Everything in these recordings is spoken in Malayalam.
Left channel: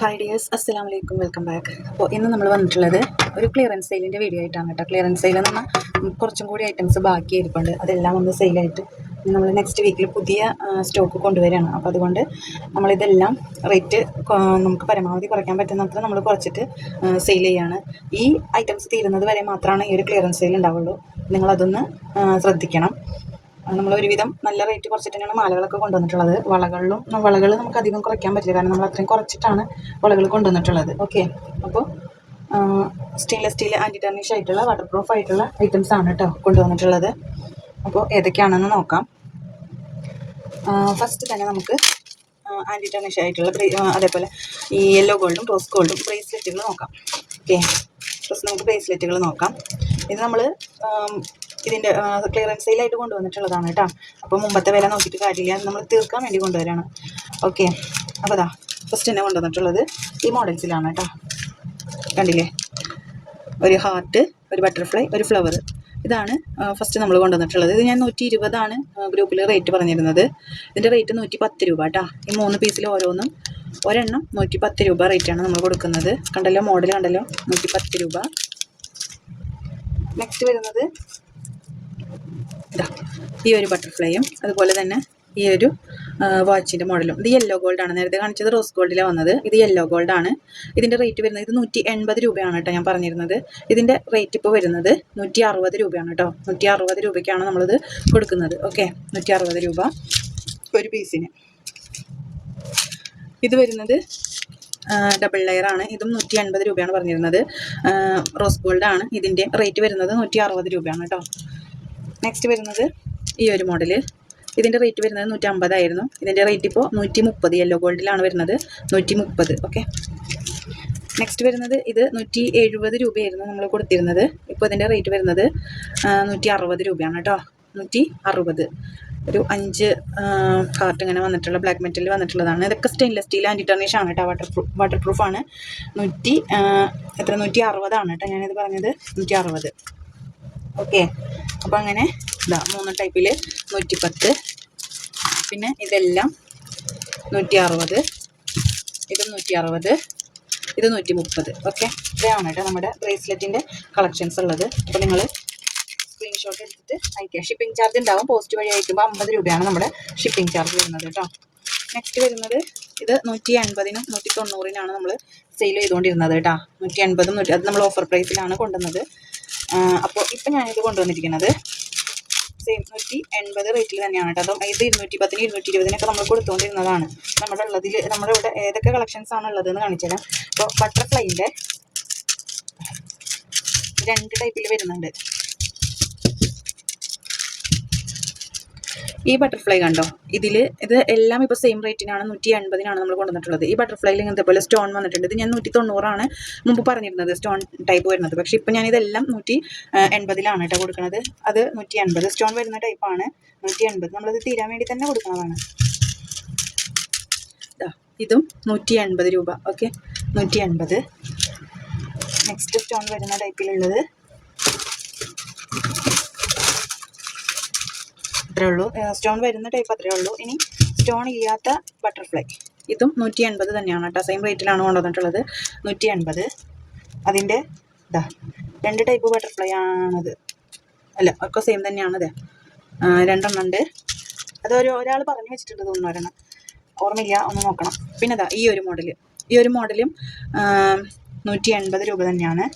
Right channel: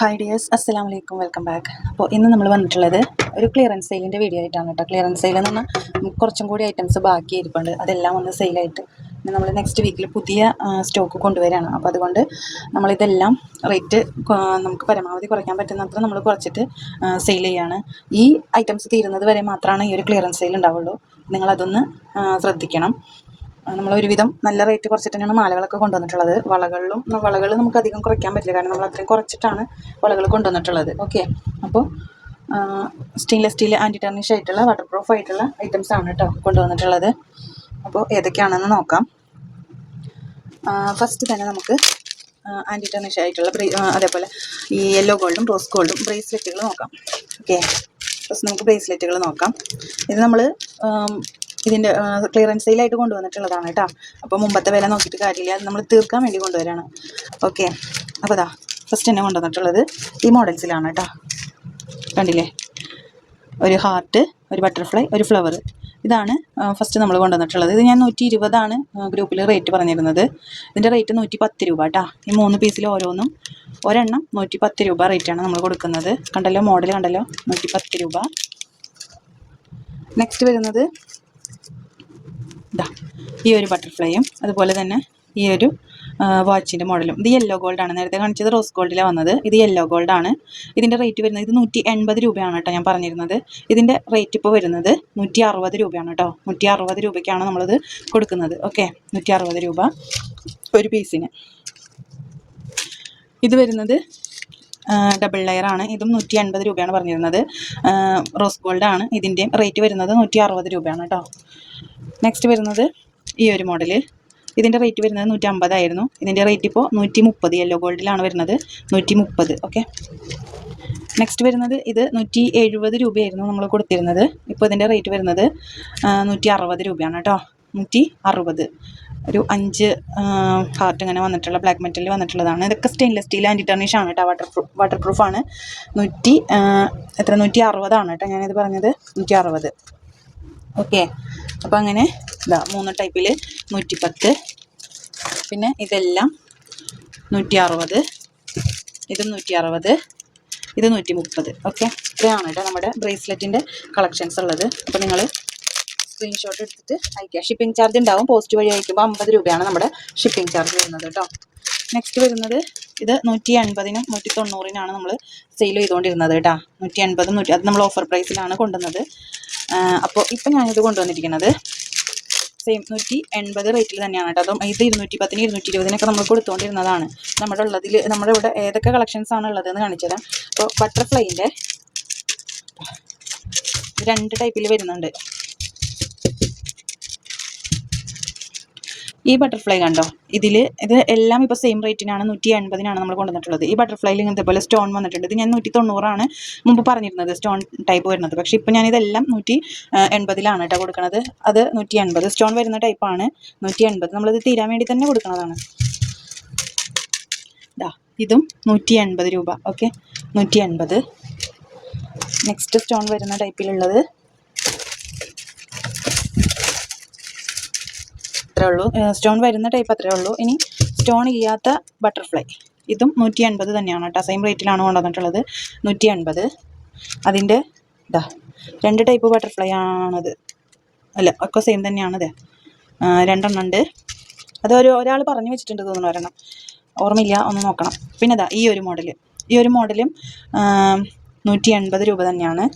ഹായ് ഡിയേഴ്സ് അസ്സലാം വലൈക്കും വെൽക്കം ബാക്ക് അപ്പോൾ ഇന്ന് നമ്മൾ വന്നിട്ടുള്ളത് ഒരു ക്ലിയറൻസ് സെയിലിന്റെ വീഡിയോ ആയിട്ടാണ് കേട്ടോ. ക്ലിയറൻസ് സെയിൽ എന്ന് പറഞ്ഞാൽ കുറച്ചും കൂടി ഐറ്റംസ് ബാക്കി ഇരിപ്പുണ്ട് അതെല്ലാം ഒന്ന് സെയിലായിട്ട് നമ്മൾ നെക്സ്റ്റ് വീക്കിൽ പുതിയ സ്റ്റോക്ക് കൊണ്ടുവരികയാണ് അപ്പോൾ അതുകൊണ്ട് നമ്മളിതെല്ലാം റേറ്റ് നമുക്ക് പരമാവധി കുറയ്ക്കാൻ പറ്റുന്നത്ര നമ്മൾ കുറച്ചിട്ട് സെയിൽ ചെയ്യുകയാണ് ഈ ഐറ്റംസ് തീരുന്നത് വരെ മാത്രമാണ് ഈ ഒരു ക്ലിയറൻസ് സെയിൽ ഉണ്ടാവുള്ളൂ. നിങ്ങളതൊന്ന് ശ്രദ്ധിക്കണം. നമ്മൾ ഒരുവിധം നല്ല റേറ്റ് കുറച്ചിട്ടാണ് മാലകളൊക്കെ കൊണ്ടുവന്നിട്ടുള്ളത്. വളകളിലും വളകൾ നമുക്ക് അധികം കുറയ്ക്കാൻ പറ്റില്ല. കാരണം നമ്മൾ അത്രയും കുറച്ചിട്ടാണ് വളകൾ കൊണ്ടുവന്നിട്ടുള്ളത്. ഓക്കെ അപ്പോൾ സ്റ്റെയിൻലെസ് സ്റ്റീൽ ആന്റി ടെർണിഷ് ആയിട്ടുള്ള വാട്ടർ പ്രൂഫ് ആയിട്ടുള്ള ഐറ്റംസ് ആണ് കേട്ടോ കൊണ്ടുവന്നിട്ടുള്ളത്. അപ്പോൾ ഏതൊക്കെയാണെന്ന് നോക്കാം. ഫസ്റ്റ് തന്നെ നമുക്ക് ആന്റി ടെർണിഷ് ആയിട്ടുള്ള അതേപോലെ ഈ യെല്ലോ ഗോൾഡും റോസ് ഗോൾഡും ബ്രേസ്ലെറ്റുകൾ നോക്കാം. ഓക്കെ ഫസ്റ്റ് നമുക്ക് ബ്രേസ്ലെറ്റുകൾ നോക്കാം. ഇത് നമ്മൾ ഇതിന്റെ ക്ലിയറൻസ് സെയിലായിട്ട് കൊണ്ടുവന്നിട്ടുള്ളതാണ് കേട്ടോ. അപ്പോൾ മുമ്പത്തെ വില നോക്കിയിട്ട് കാര്യമില്ല. നമ്മൾ തീർക്കാൻ വേണ്ടി കൊണ്ടുവരാണ്. ഓക്കെ. അപ്പോൾ അതാ ഫസ്റ്റ് തന്നെ കൊണ്ടുവന്നിട്ടുള്ളത് ഈ മോഡൽസിലാണ് കേട്ടോ. കണ്ടില്ലേ? ഒരു ഹാർട്ട് ഒരു ബട്ടർഫ്ലൈ ഒരു ഫ്ലവർ ഇതാണ് ഫസ്റ്റ് നമ്മൾ കൊണ്ടുവന്നിട്ടുള്ളത്. ഇത് ഞാൻ നൂറ്റി ഇരുപതാണ് ഗ്രൂപ്പിൽ റേറ്റ് പറഞ്ഞിരുന്നത്. ഇതിന്റെ റേറ്റ് നൂറ്റി പത്ത് രൂപ കേട്ടോ. ഈ മൂന്ന് പീസിൽ ഓരോന്നും ഒരെണ്ണം നൂറ്റി പത്ത് രൂപ റേറ്റാണ് നമ്മൾ കൊടുക്കുന്നത്. കണ്ടല്ലോ മോഡൽ കണ്ടല്ലോ? നൂറ്റി പത്ത് രൂപ. നെക്സ്റ്റ് വരുന്നത് ഇതാ ഈ ഒരു ബട്ടർഫ്ലൈയും അതുപോലെ തന്നെ ഈ ഒരു വാച്ചിന്റെ മോഡലും ഇത് യെല്ലോ ഗോൾഡാണ് നേരത്തെ കാണിച്ചത് റോസ് ഗോൾഡിലാണ് വന്നത്. ഇത് യെല്ലോ ഗോൾഡാണ് ഇതിന്റെ റേറ്റ് വരുന്നത് ഇത് നൂറ്റി എൺപത് രൂപയാണ് കേട്ടോ ഞാൻ പറഞ്ഞിരുന്നത്. ഇതിന്റെ റേറ്റ് ഇപ്പോൾ വരുന്നത് നൂറ്റി അറുപത് രൂപയാണ് കേട്ടോ. നൂറ്റി അറുപത് രൂപയ്ക്കാണ് നമ്മളിത് കൊടുക്കുന്നത്. ഓക്കെ നൂറ്റി അറുപത് രൂപ ഒരു പീസിന് ഇത് വരുന്നത് ഡബിൾ ലെയർ ആണ്. ഇതും നൂറ്റി അൻപത് രൂപയാണ് പറഞ്ഞിരുന്നത്. റോസ് ഗോൾഡ് ആണ്. ഇതിന്റെ റേറ്റ് വരുന്നത് നൂറ്റി അറുപത് രൂപയാണ് കേട്ടോ. നെക്സ്റ്റ് വരുന്നത് ഈ ഒരു മോഡൽ ഇതിന്റെ റേറ്റ് വരുന്നത് നൂറ്റി അമ്പതായിരുന്നു ഇതിന്റെ റേറ്റ് ഇപ്പോൾ നൂറ്റി മുപ്പത് യെല്ലോ ഗോൾഡിലാണ് വരുന്നത് നൂറ്റി മുപ്പത് ഓക്കെ നെക്സ്റ്റ് വരുന്നത് ഇത് നൂറ്റി എഴുപത് രൂപയായിരുന്നു നമ്മൾ കൊടുത്തിരുന്നത്. ഇപ്പോൾ ഇതിന്റെ റേറ്റ് വരുന്നത് നൂറ്റി അറുപത് രൂപയാണ് കേട്ടോ. നൂറ്റി അറുപത് ഒരു അഞ്ച് കാർട്ട് ഇങ്ങനെ വന്നിട്ടുള്ള ബ്ലാക്ക് മെറ്റൽ വന്നിട്ടുള്ളതാണ്. ഇതൊക്കെ സ്റ്റെയിൻലെസ് സ്റ്റീൽ ആന്റി ടെർണിഷ് ആണ് കേട്ടോ. വാട്ടർ പ്രൂഫ് വാട്ടർ പ്രൂഫാണ് നൂറ്റി എത്ര? നൂറ്റി അറുപതാണ് കേട്ടോ ഞാനിത് പറഞ്ഞത്. നൂറ്റി അറുപത് ഓക്കെ. അപ്പോൾ അങ്ങനെ ഇതാ മൂന്ന് ടൈപ്പിൽ നൂറ്റിപ്പത്ത്. പിന്നെ ഇതെല്ലാം നൂറ്റി അറുപത് ഇത് നൂറ്റി അറുപത് ഇത് നൂറ്റി മുപ്പത് ഓക്കെ. ഇത്രയാണ് കേട്ടോ നമ്മുടെ ബ്രേസ്ലെറ്റിന്റെ കളക്ഷൻസ് ഉള്ളത്. അപ്പോൾ നിങ്ങൾ സ്ക്രീൻഷോട്ട് എടുത്തിട്ട് അയക്കുക ഷിപ്പിംഗ് ചാർജ് ഉണ്ടാവും. പോസ്റ്റ് വഴി അയക്കുമ്പോൾ അമ്പത് രൂപയാണ് നമ്മുടെ ഷിപ്പിംഗ് ചാർജ് വരുന്നത് കേട്ടോ. നെക്സ്റ്റ് വരുന്നത് ഇത് നൂറ്റി എൺപതിനും നൂറ്റി തൊണ്ണൂറിനാണ് നമ്മൾ സെയിൽ ചെയ്തുകൊണ്ടിരുന്നത് കേട്ടോ. നൂറ്റി എൺപതും നൂറ്റി അത് നമ്മൾ ഓഫർ പ്രൈസിലാണ് കൊണ്ടുവന്നത്. അപ്പോൾ ഇപ്പം ഞാനിത് കൊണ്ടുവന്നിരിക്കുന്നത്. സെയിം നൂറ്റി എൺപത് റേറ്റിൽ തന്നെയാണ് കേട്ടോ. അതും ഇത് ഇരുന്നൂറ്റി പത്തിന് ഇരുന്നൂറ്റി ഇരുപതിനൊക്കെ നമ്മൾ കൊടുത്തുകൊണ്ടിരുന്നതാണ് നമ്മുടെ ഉള്ളതിൽ നമ്മുടെ ഇവിടെ ഏതൊക്കെ കളക്ഷൻസ് ആണ് ഉള്ളതെന്ന് കാണിച്ചുതരാം. അപ്പോൾ ബട്ടർഫ്ലൈന്റെ രണ്ട് ടൈപ്പിൽ വരുന്നുണ്ട്. ഈ ബട്ടർഫ്ലൈ കണ്ടോ? ഇതിൽ ഇത് എല്ലാം ഇപ്പോൾ സെയിം റേറ്റിനാണ് നൂറ്റി എൺപതിനാണ് നമ്മൾ കൊണ്ടുവന്നിട്ടുള്ളത്. ഈ ബട്ടർഫ്ലൈയിൽ ഇങ്ങനത്തെ പോലെ സ്റ്റോൺ വന്നിട്ടുണ്ട്. ഇത് ഞാൻ നൂറ്റി തൊണ്ണൂറാണ് മുമ്പ് പറഞ്ഞിരുന്നത് സ്റ്റോൺ ടൈപ്പ് വരുന്നത്. പക്ഷേ ഇപ്പോൾ ഞാനിതെല്ലാം നൂറ്റി എൺപതിലാണ് കേട്ടോ കൊടുക്കുന്നത് അത് നൂറ്റി എൺപത് സ്റ്റോൺ വരുന്ന ടൈപ്പാണ് നൂറ്റി എൺപത് നമ്മളിത് തീരാൻ വേണ്ടി തന്നെ കൊടുക്കുന്നതാണ് ഇതാ ഇതും നൂറ്റി രൂപ. ഓക്കെ? നൂറ്റി നെക്സ്റ്റ് സ്റ്റോൺ വരുന്ന ടൈപ്പിലുള്ളത് അത്രേ ഉള്ളൂ. സ്റ്റോൺ വരുന്ന ടൈപ്പ് അത്രേ ഉള്ളൂ. ഇനി സ്റ്റോൺ ഇല്ലാത്ത ബട്ടർഫ്ലൈ ഇതും നൂറ്റി എൺപത് തന്നെയാണ് കേട്ടോ. സെയിം റേറ്റിലാണ് കൊണ്ടുവന്നിട്ടുള്ളത്. നൂറ്റി എൺപത് അതിന്റെ ഇതാ രണ്ട് ടൈപ്പ് ബട്ടർഫ്ലൈ ആണത്. അല്ല ഒക്കെ സെയിം തന്നെയാണത് രണ്ടെണ്ണം ഉണ്ട്. അത് ഒരു ഒരാൾ പറഞ്ഞു വെച്ചിട്ടുണ്ട് തോന്നുന്നു ഒരെണ്ണം. ഓർമ്മയില്ല ഒന്ന് നോക്കണം. പിന്നെ ഇതാ ഈ ഒരു മോഡൽ ഈ ഒരു മോഡലും നൂറ്റി എൺപത് രൂപ തന്നെയാണ്.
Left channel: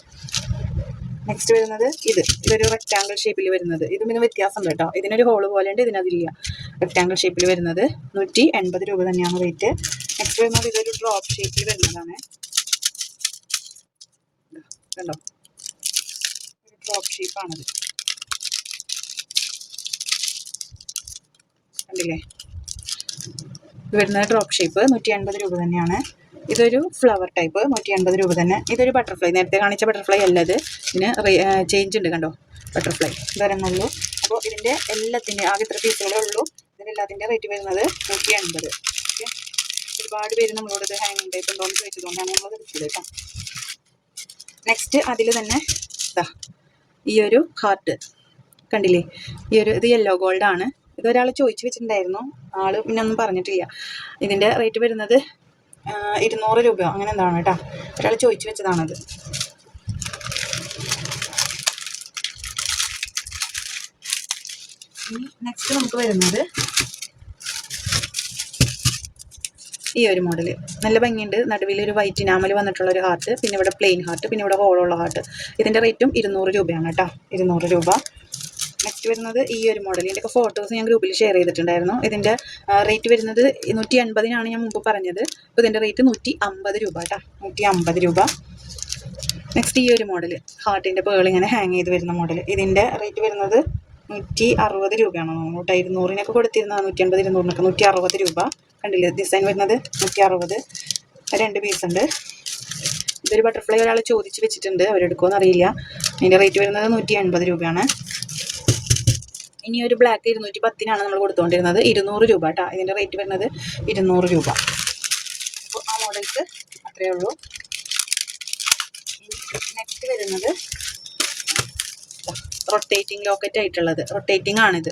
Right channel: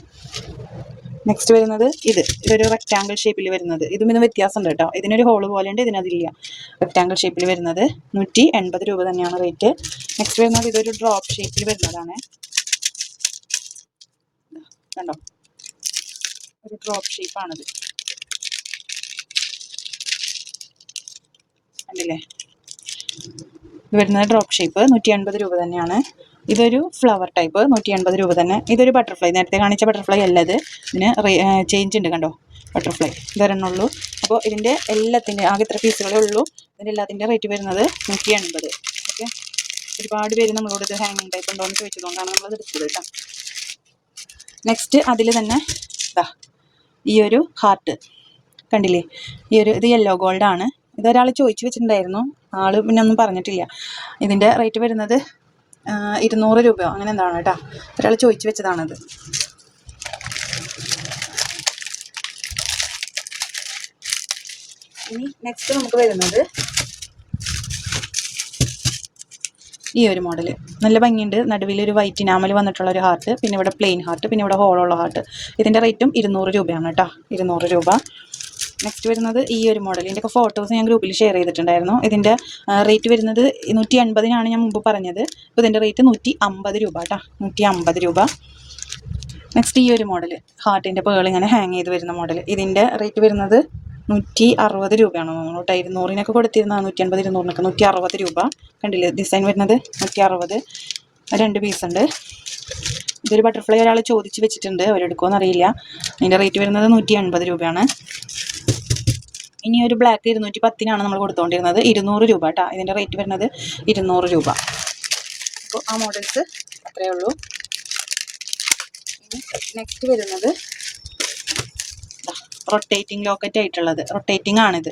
നെക്സ്റ്റ് വരുന്നത് ഇത്. ഇതൊരു റെക്റ്റാങ്കിൾ ഷേപ്പിൽ വരുന്നത്. ഇതും ഇതും വ്യത്യാസമുണ്ട് കേട്ടോ. ഇതിനൊരു ഹോൾ പോലെ ഉണ്ട് ഇതിനതില്ല. റെക്റ്റാങ്കിൾ ഷേപ്പിൽ വരുന്നത് നൂറ്റി എൺപത് രൂപ തന്നെയാണ് റേറ്റ് നെക്സ്റ്റ് വരുന്നത് ഇതൊരു ഡ്രോപ്പ് ഷേപ്പിൽ വരുന്നതാണ്. കണ്ടോ? ഒരു ഡ്രോപ്പ് ഷേപ്പാണിത് കണ്ടില്ലേ? ഇത് വരുന്നത് ഡ്രോപ്പ് ഷേപ്പ് നൂറ്റി എൺപത് രൂപ തന്നെയാണ്. ഇതൊരു ഫ്ലവർ ടൈപ്പ് നൂറ്റി എൺപത് രൂപ തന്നെ. ഇതൊരു ബട്ടർഫ്ലൈ നേരത്തെ കാണിച്ച ബട്ടർഫ്ലൈ അല്ല ഇത്. ഇതിന് ചേഞ്ച് ഉണ്ട് കണ്ടോ? ബട്ടർഫ്ലൈ ഇതൊരെണ്ണുള്ളൂ അപ്പോൾ ഇതിന്റെ എല്ലാത്തിന്റെ ആകെ ഇത്ര പീസുകളേ ഉള്ളൂ. ഇതിന്റെ എല്ലാത്തിന്റെ റേറ്റ് വരുന്നത് നൂറ്റി എൺപത് ഓക്കെ ഒരുപാട് പേര് നമ്മളോട് ഇത് ഹാങ്ങിങ് ടൈപ്പ് ഉണ്ടോ എന്ന് ചോദിച്ചതുകൊണ്ടാണ് നമ്മളത് എടുത്തത് കേട്ടോ. നെക്സ്റ്റ് അതിൽ തന്നെ ഇതാ ഈ ഒരു ഹാർട്ട് കണ്ടില്ലേ? ഈ ഒരു ഇത് യെല്ലോ ഗോൾഡാണ് ഇതൊരാൾ ചോദിച്ചു വെച്ചിട്ടുണ്ടായിരുന്നു. ആൾ പിന്നെ ഒന്നും പറഞ്ഞിട്ടില്ല. ഇതിന്റെ റേറ്റ് വരുന്നത് ഇരുന്നൂറ് രൂപയോ? അങ്ങനെ എന്താണ് കേട്ടോ. ഒരാൾ ചോദിച്ചു വെച്ചതാണത്. ഇനി നെക്സ്റ്റ് നമുക്ക് വരുന്നത് ഈ ഒരു മോഡൽ നല്ല ഭംഗിയുണ്ട്. നടുവിൽ ഒരു വൈറ്റ് ഇനാമൽ വന്നിട്ടുള്ള ഒരു ഹാർട്ട് പിന്നെ ഇവിടെ പ്ലെയിൻ ഹാർട്ട് പിന്നെ ഇവിടെ ഹോളുള്ള ഹാർട്ട് ഇതിന്റെ റേറ്റും ഇരുന്നൂറ് രൂപയാണ് കേട്ടോ. ഇരുന്നൂറ് രൂപ. നെക്സ്റ്റ് വരുന്നത് ഈ ഒരു മോഡൽ ഇതിന്റെയൊക്കെ ഫോട്ടോസ് ഞാൻ ഗ്രൂപ്പിൽ ഷെയർ ചെയ്തിട്ടുണ്ടായിരുന്നു. ഇതിന്റെ റേറ്റ് വരുന്നത് നൂറ്റി അൻപതിനാണ് ഞാൻ മുമ്പ് പറഞ്ഞത്. അപ്പോൾ ഇതിന്റെ റേറ്റ് നൂറ്റി അമ്പത് രൂപ കേട്ടോ നൂറ്റി അമ്പത് രൂപ. നെക്സ്റ്റ് ഈ ഒരു മോഡൽ ഹാർട്ടിന്റെ പേൾ ഇങ്ങനെ ഹാങ് ചെയ്ത് വരുന്ന മോഡൽ ഇതിന്റെ റേറ്റ് വരുന്നത് നൂറ്റി അറുപത് രൂപയാണ് തോന്നുന്നു ഇരുന്നൂറിനൊക്കെ കൊടുത്തിരുന്ന നൂറ്റി അൻപത് ഇരുന്നൂറിനൊക്കെ നൂറ്റി അറുപത് രൂപ. കണ്ടില്ലേ? ഡിസൈൻ വരുന്നത് നൂറ്റി അറുപത് രണ്ട് പീസ് ഉണ്ട്. ഇതൊരു ബട്ടർഫ്ലൈ ഒരാൾ ചോദിച്ച് വെച്ചിട്ടുണ്ട്. അവരെടുക്കുമോ എന്നറിയില്ല അതിന്റെ റേറ്റ് വരുന്നത് നൂറ്റി എൺപത് രൂപയാണ്. ഇനി ഒരു ബ്ലാക്ക് ഇരുന്നൂറ്റി പത്തിനാണ് നമ്മൾ കൊടുത്തുകൊണ്ടിരുന്നത് ഇരുന്നൂറ് രൂപ കേട്ടോ ഇതിന്റെ റേറ്റ് വരുന്നത് ഇരുന്നൂറ് രൂപ. അപ്പോൾ ആ മോഡൽസ് അത്രയേ ഉള്ളൂ. ഇനി നെക്സ്റ്റ് വരുന്നത് റൊട്ടേറ്റിംഗ് ലോക്കറ്റ് ആയിട്ടുള്ളത്. റൊട്ടേറ്റിംഗ് ആണിത്.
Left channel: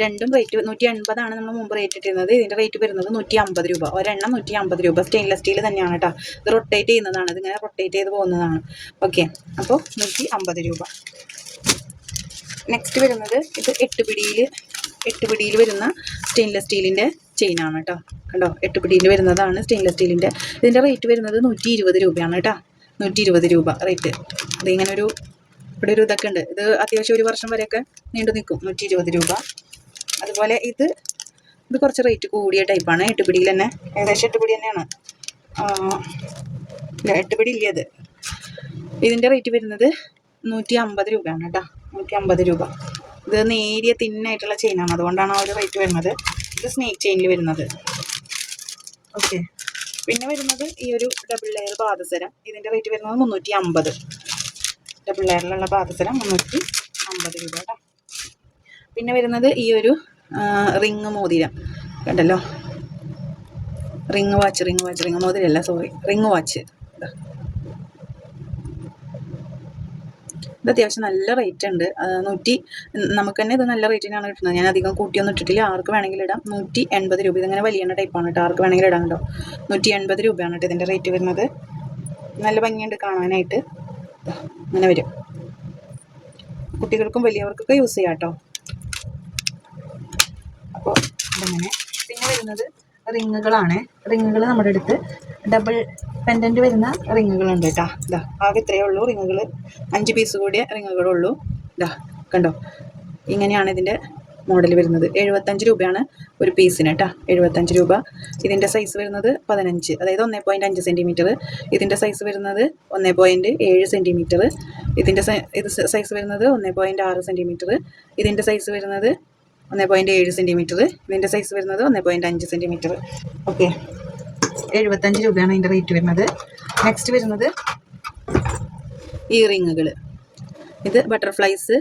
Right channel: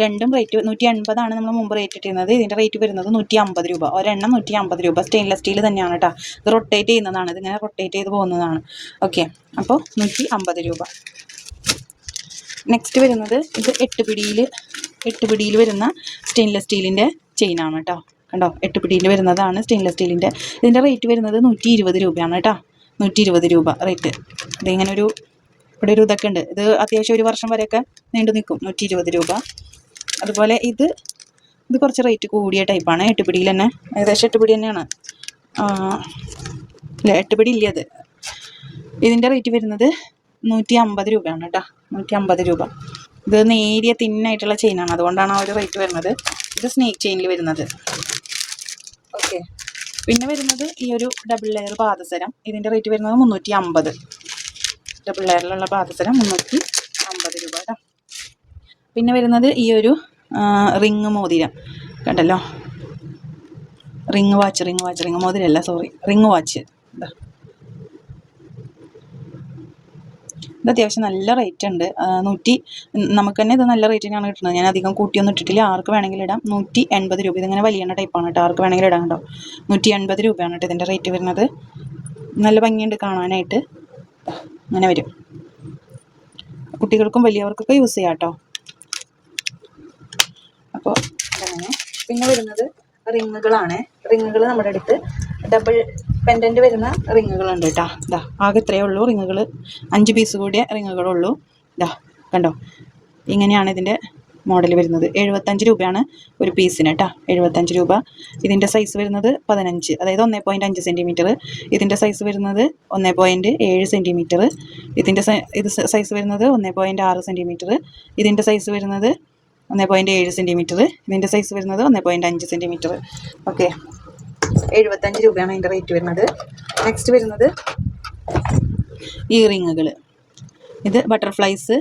രണ്ടും റേറ്റ് നൂറ്റി എൺപതാണ് നമ്മൾ മുമ്പ് റേറ്റ് ഇട്ടിരുന്നത്. ഇതിന്റെ റേറ്റ് വരുന്നത് നൂറ്റി അമ്പത് രൂപ. ഒരെണ്ണം നൂറ്റി അമ്പത് രൂപ. സ്റ്റെയിൻലെസ് സ്റ്റീൽ തന്നെയാണ് കേട്ടോ ഇത് റൊട്ടേറ്റ് ചെയ്യുന്നതാണ്. ഇതിങ്ങനെ റൊട്ടേറ്റ് ചെയ്ത് പോകുന്നതാണ്. ഓക്കെ അപ്പോൾ നൂറ്റി അമ്പത് രൂപ. നെക്സ്റ്റ് വരുന്നത് ഇത് എട്ട് പിടിയിൽ എട്ട് പിടിയിൽ വരുന്ന സ്റ്റെയിൻലെസ് സ്റ്റീലിന്റെ ചെയിനാണ് കേട്ടോ കണ്ടോ? എട്ട് പിടിയിൽ വരുന്നതാണ് സ്റ്റെയിൻലെസ് സ്റ്റീലിന്റെ ഇതിന്റെ റേറ്റ് വരുന്നത് നൂറ്റി ഇരുപത് രൂപയാണ് കേട്ടോ നൂറ്റി ഇരുപത് രൂപ റേറ്റ് ഇതിങ്ങനെ ഒരു ഇവിടെ ഒരു ഇതൊക്കെ ഉണ്ട്. ഇത് അത്യാവശ്യം ഒരു വർഷം വരെയൊക്കെ നീണ്ടു നിൽക്കും നൂറ്റി ഇരുപത് രൂപ. അതുപോലെ ഇത് ഇത് കുറച്ച് റേറ്റ് കൂടിയ ടൈപ്പാണ് എട്ട് പിടിയിൽ തന്നെ ഏകദേശം എട്ട് പിടി തന്നെയാണ്. ആ, ഇല്ല ഇത്. ഇതിന്റെ റേറ്റ് വരുന്നത് നൂറ്റി അമ്പത് രൂപയാണ് കേട്ടോ നൂറ്റി അമ്പത് രൂപ. ഇത് നേരിയ തിന്നായിട്ടുള്ള ചെയിനാണ് അതുകൊണ്ടാണ് ആ ഒരു റേറ്റ് വരുന്നത്. ഇത് സ്നേക്ക് ചെയിനിൽ വരുന്നത്. ഓക്കെ പിന്നെ വരുന്നത് ഈ ഒരു ഡബിൾ ലെയർ പാദസരം. ഇതിന്റെ റേറ്റ് വരുന്നത് മുന്നൂറ്റി അമ്പത് ഡബിൾ ലെയറിലുള്ള പാദസരം മുന്നൂറ്റി അമ്പത് രൂപ കേട്ടോ പിന്നെ വരുന്നത് ഈ ഒരു റിങ് മോതിരം. കണ്ടല്ലോ? Ring watch ring watch ring മോതിരല്ല sorry ring watch ഇതാ. ഇത് അത്യാവശ്യം നല്ല റേറ്റ് ഉണ്ട്. നൂറ്റി നമുക്ക് തന്നെ ഇത് നല്ല റേറ്റ് റേറ്റിനാണ് കിട്ടുന്നത്. ഞാൻ അധികം കൂട്ടിയൊന്നും ഇട്ടിട്ടില്ല. ആർക്ക് വേണമെങ്കിലും ഇടാം. നൂറ്റി എൺപത് രൂപ. ഇതിങ്ങനെ വലിയ ടൈപ്പാണ് കേട്ടോ. ആർക്ക് വേണമെങ്കിലും ഇടാം കേട്ടോ. നൂറ്റി എൺപത് രൂപയാണ് കേട്ടോ ഇതിന്റെ റേറ്റ് വരുന്നത്. നല്ല ഭംഗിയുണ്ട് കാണാനായിട്ട്. അങ്ങനെ വരും. കുട്ടികൾക്കും വലിയവർക്കൊക്കെ യൂസ് ചെയ്യാം കേട്ടോ. അപ്പോൾ അതങ്ങനെ പിന്നെ വരുന്നത് റിങ്ങുകളാണ് റിങ്ങുകൾ നമ്മുടെ അടുത്ത് ഡബിൾ പെൻഡന്റ് വരുന്ന റിങ്ങുകളുണ്ട് കേട്ടോ ഇതാ ആകെ ഇത്രയേ ഉള്ളൂ. റിങ്ങുകൾ അഞ്ച് പീസ് കൂടിയ റിങ്ങുകളുള്ളൂ ഇതാ കണ്ടോ? ഇങ്ങനെയാണ് ഇതിന്റെ മോഡൽ വരുന്നത്. എഴുപത്തഞ്ച് രൂപയാണ് ഒരു പീസിന് കേട്ടോ എഴുപത്തഞ്ച് രൂപ. ഇതിന്റെ സൈസ് വരുന്നത് പതിനഞ്ച്. അതായത് ഒന്നേ പോയിന്റ് അഞ്ച് സെന്റിമീറ്റർ ഇതിന്റെ സൈസ് വരുന്നത് ഒന്നേ പോയിന്റ് ഏഴ് സെന്റിമീറ്റർ ഇതിന്റെ ഇത് സൈസ് വരുന്നത് ഒന്നേ പോയിന്റ് ആറ് സെന്റിമീറ്റർ ഇതിന്റെ സൈസ് വരുന്നത് ഒന്നേ പോയിന്റ് ഏഴ് സെന്റിമീറ്റർ ഇതിന്റെ സൈസ് വരുന്നത് ഒന്നേ പോയിന്റ് അഞ്ച് സെന്റിമീറ്റർ ഓക്കെ എഴുപത്തഞ്ച് രൂപയാണ് അതിന്റെ റേറ്റ് വരുന്നത്. നെക്സ്റ്റ് വരുന്നത് ഇയറിങ്ങുകൾ റിങ്ങുകൾ ഇത് ബട്ടർഫ്ലൈസ്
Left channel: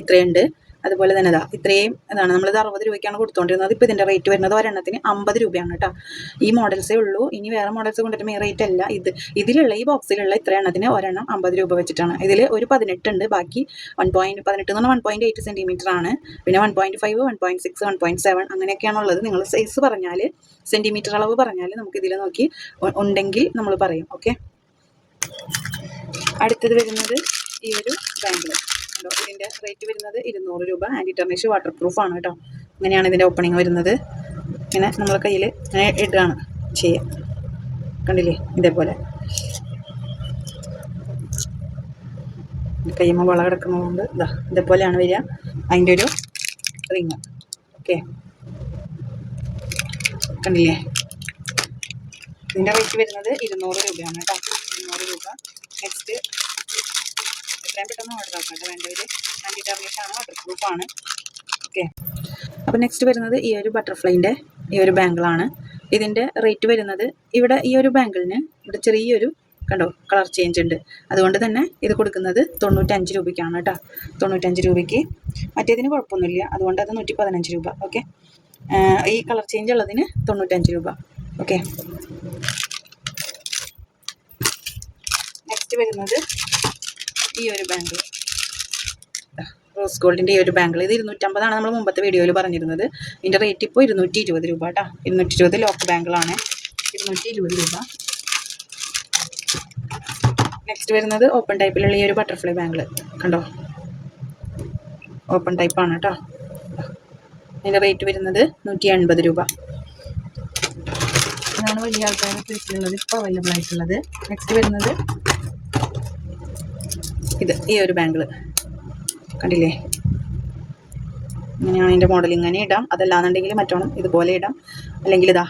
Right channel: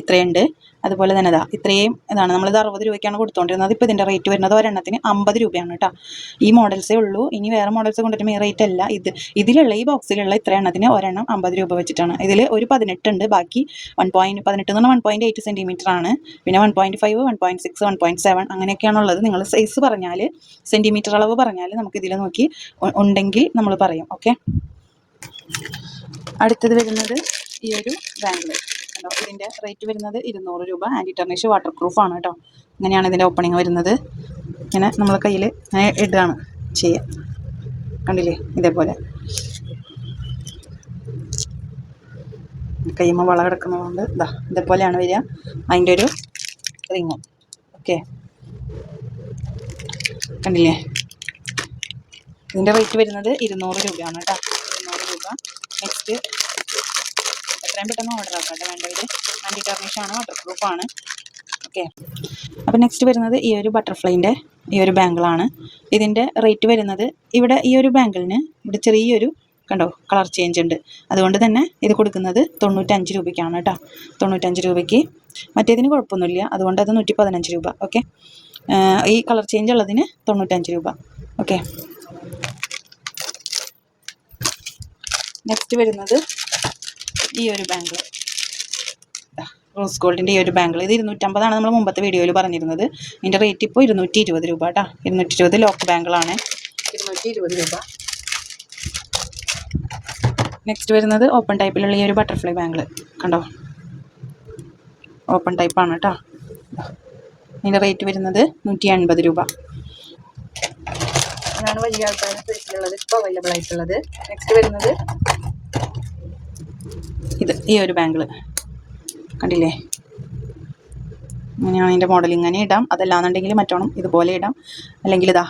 ഇത്രയുണ്ട്. അതുപോലെ തന്നെ ഇതാ ഇത്രയും ഇതാണ്. നമ്മളിത് അറുപത് രൂപയ്ക്കാണ് കൊടുത്തുകൊണ്ടിരുന്നത് ഇപ്പോൾ ഇതിന്റെ റേറ്റ് വരുന്നത് ഒരെണ്ണത്തിന് അമ്പത് രൂപയാണ് കേട്ടോ ഈ മോഡൽസേ ഉള്ളൂ. ഇനി വേറെ മോഡൽസ് കൊണ്ടുവരുമ്പോൾ ഈ റേറ്റ് അല്ല. ഇത് ഇതിലുള്ള ഈ ബോക്സിലുള്ള ഇത്ര എണ്ണത്തിന് ഒരെണ്ണം അമ്പത് രൂപ വെച്ചിട്ടാണ്. ഇതിൽ ഒരു പതിനെട്ടുണ്ട് ബാക്കി വൺ പോയിന്റ് പതിനെട്ട് എന്ന് പറഞ്ഞാൽ വൺ പോയിന്റ് എയ്റ്റ് സെന്റിമീറ്റർ ആണ്. പിന്നെ one point five one point six one point seven അങ്ങനെയൊക്കെയാണുള്ളത് നിങ്ങൾ സൈസ് പറഞ്ഞാൽ സെന്റിമീറ്റർ അളവ് പറഞ്ഞാൽ നമുക്ക് ഇതിൽ നോക്കി ഉണ്ടെങ്കിൽ നമ്മൾ പറയും. ഓക്കെ അടുത്തത് വരുന്നത് ഈ ഒരു ബാങ്കിൾ കണ്ടോ ഇതിന്റെ റേറ്റ് വരുന്നത് ഇരുന്നൂറ് രൂപ. ആന്റി ടെർണിഷ് വാട്ടർ പ്രൂഫാണ് കേട്ടോ ഇങ്ങനെയാണ് ഇതിന്റെ ഓപ്പണിങ് വരുന്നത്. ഇങ്ങനെ നമ്മൾ കയ്യിൽ ഇങ്ങനെ ഇടുകയാണ് ചെയ്യുക കണ്ടില്ലേ? ഇതേപോലെ. കയ്യുമ്പോൾ വള കിടക്കുന്നതുകൊണ്ട് ഇതാ ഇതേപോലെയാണ് വരിക. അതിന്റെ ഒരു റിങ് ഓക്കെ കണ്ടില്ലേ? ഇതിന്റെ റേറ്റ് വരുന്നത് ഇരുന്നൂറ് രൂപയാണ് കേട്ടോ ഇരുന്നൂറ് രൂപ. നെക്സ്റ്റ് എത്രയും പെട്ടെന്ന് ഓർഡർ ആക്കാം കേട്ടോ. വേണ്ടവർ ആന്റി ടാർണിഷാണ് വാട്ടർ പ്രൂഫാണ് ഓക്കെ അപ്പോൾ നെക്സ്റ്റ് വരുന്നത് ഈ ഒരു ബട്ടർഫ്ലൈന്റെ ഈ ഒരു ബാങ്കിളാണ് ഇതിന്റെ റേറ്റ് വരുന്നത് ഇവിടെ ഈ ഒരു ബാങ്കിളിന് ഇവിടെ ചെറിയൊരു കണ്ടോ കളർ ചേഞ്ച് ഉണ്ട്. അതുകൊണ്ട് തന്നെ ഇത് കൊടുക്കുന്നത് തൊണ്ണൂറ്റഞ്ച് രൂപയ്ക്കാണ് കേട്ടോ. തൊണ്ണൂറ്റഞ്ച് രൂപയ്ക്ക്. മറ്റേതിന് കുഴപ്പമൊന്നുമില്ല. അതുകൊണ്ട് അത് നൂറ്റി പതിനഞ്ച് രൂപ ഓക്കെ ഈ കളർ ചേഞ്ച് ഉള്ളതിന് തൊണ്ണൂറ്റഞ്ച് രൂപ. ഓക്കെ നെക്സ്റ്റ് വരുന്നത് ഈ ഒരു ബാങ്കിൾ റോസ് ഗോൾഡിന്റെ ഈ ഒരു ബാങ്കിൾ ഇത് ഇരുന്നൂറ്റമ്പതാണ് നമ്മൾ മുമ്പത്തെ വീഡിയോയിൽ പറഞ്ഞിരുന്നത്. ഇതിന്റെ റേറ്റ് ഇപ്പോൾ ഇരുന്നൂറ്റി ഇരുപത് രൂപ കേട്ടോ ഇരുന്നൂറ്റി ഇരുപത് ലോക്ക് ബാങ്കിളാണ് ഇരുന്നൂറ്റി ഇരുപത് രൂപ. നെക്സ്റ്റ് വരുന്നത് ഓപ്പൺ ടൈപ്പിലുള്ള ഈ ഒരു ബട്ടർഫ്ലൈ ബാങ്കിൾ കണ്ടോ? ഓപ്പൺ ടൈപ്പാണ് കേട്ടോ അതിന്റെ റേറ്റ് വരുന്നത് നൂറ്റി എൺപത് രൂപ. ഇതാണ് വലിയ ആൾക്കാരുടെ സൈസിലുള്ളത് ഇപ്പോൾ അവൈലബിൾ ആയിട്ടുള്ളത്. നെക്സ്റ്റ് വരുന്നത് ഇത് ഈ ഒരു ബാങ്കിൾ കണ്ടില്ലേ? ഇങ്ങനെയാണ് അതിന്റെ മോഡൽ ഇങ്ങനെ ഇടാം. അതല്ലാന്നുണ്ടെങ്കിൽ മറ്റോണം ഇതുപോലെ ഇടാം. അല്ലെങ്കിൽ ഇതാ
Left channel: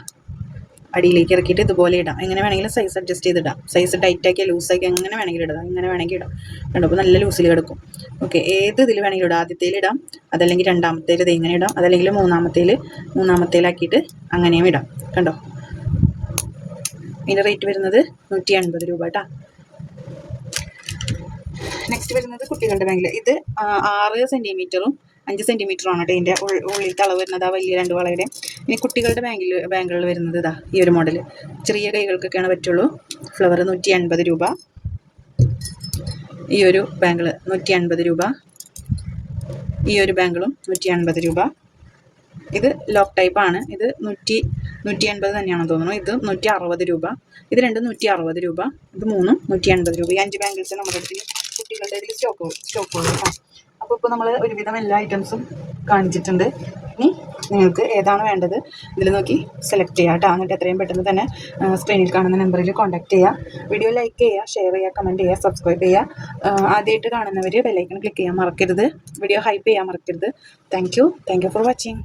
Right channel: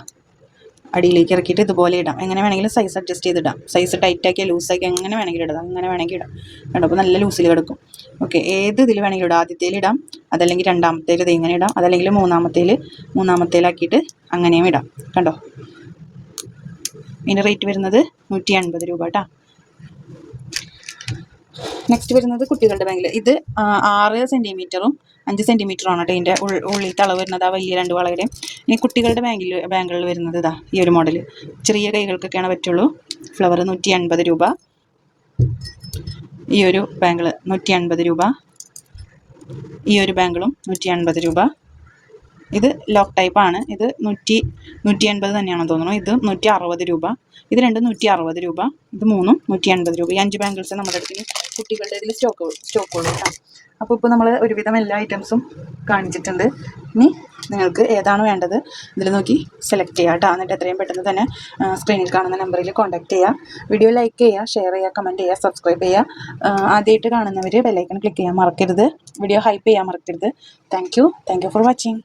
അടിയിലേക്ക് ഇറക്കിയിട്ട് ഇതുപോലെ ഇടാം. എങ്ങനെ വേണമെങ്കിലും സൈസ് അഡ്ജസ്റ്റ് ചെയ്ത് ഇടാം സൈസ് ടൈറ്റാക്കി ലൂസാക്കി എങ്ങനെ വേണമെങ്കിലും ഇടാം. അങ്ങനെ വേണമെങ്കിൽ ഇടാം. കണ്ടോ? അപ്പോൾ നല്ല ലൂസിൽ കിടക്കും. ഓക്കെ ഏത് ഇതിൽ വേണമെങ്കിലും ഇടാം. ആദ്യത്തേൽ ഇടാം. അതല്ലെങ്കിൽ രണ്ടാമത്തേൽ ഇത് ഇങ്ങനെ ഇടാം. അതല്ലെങ്കിൽ മൂന്നാമത്തേൽ മൂന്നാമത്തേലാക്കിയിട്ട് അങ്ങനെയും ഇടാം. കണ്ടോ? ഇതിന്റെ റേറ്റ് വരുന്നത് നൂറ്റി എൺപത് രൂപ കേട്ടോ നെക്സ്റ്റ് വരുന്നത് കുട്ടികളുടെ ബാങ്കിൽ ഇത് ആറ് സെന്റിമീറ്ററും അഞ്ച് സെന്റിമീറ്ററും ആണ് കേട്ടോ ഇതിന്റെ ഉള്ളിലത്തെ അളവ് വരുന്നത്. ആ വലിയ രണ്ട് വളയുടെയും ഇനി കുട്ടികളുടെ ബാങ്കിൽ ബാങ്കുകളിൽ വരുന്നത് ഇതാ ഈ ഒരു മോഡൽ ചെറിയ കൈകൾക്കൊക്കെയാണ് പറ്റുള്ളൂ. ഫ്ലവർ നൂറ്റി അൻപത് രൂപ. ഈ ഒരു ബാങ്കിൾ നൂറ്റി അൻപത് രൂപ. ഈ ഒരു ബാങ്കിളും നൂറ്റി അൻപത് രൂപ. ഇത് ലോക്ക് ടൈപ്പ് ആണ്. ഇത് നൂറ്റി നൂറ്റി അൻപത് തന്നെയാണെന്ന് തോന്നുന്നു. ഇത് നൂറ്റി അറുപത് രൂപ. ഇത് രണ്ടും നൂറ്റി അറുപത് രൂപ. ഇത് മൂന്നും നൂറ്റി അൻപത് രൂപ. ഈ അഞ്ച് ബാങ്കിൾസ് നമ്മുടെ അടുത്ത് കുട്ടികളുടെ ഇതിൽ സ്റ്റോക്ക് സ്റ്റോക്ക് ഉള്ളു കേട്ടോ. അപ്പോൾ ഇപ്പോൾ നമ്മൾ ഒരുവിധം എല്ലാ ഐറ്റംസും കാണിച്ചിട്ടുണ്ട്. ഇനി നിങ്ങൾക്ക് ഏതാണ് വേണ്ടത്? ഇതിൽ നോക്കി സെലക്ട് ചെയ്യുക കേട്ടോ. എന്നിട്ട് എത്രയും പെട്ടെന്ന് തന്നെ സ്ക്രീനിൽ കാണുന്ന നമ്പറിൽ കോൺടാക്ട് ചെയ്യുക വീഡിയോ ലൈക്ക് ചെയ്യുക ഷെയർ ചെയ്യുക കമന്റ് ചെയ്യുക സബ്സ്ക്രൈബ് ചെയ്യുക ആദ്യമായിട്ട് കാണുന്നവർ ബെല്ലൈക്കൺ ക്ലിക്ക് ചെയ്യാൻ മറക്കരുത്. വീഡിയോ ഹൈപ്പ് ചെയ്യാൻ മറക്കരുത്. Thank you thank you for watching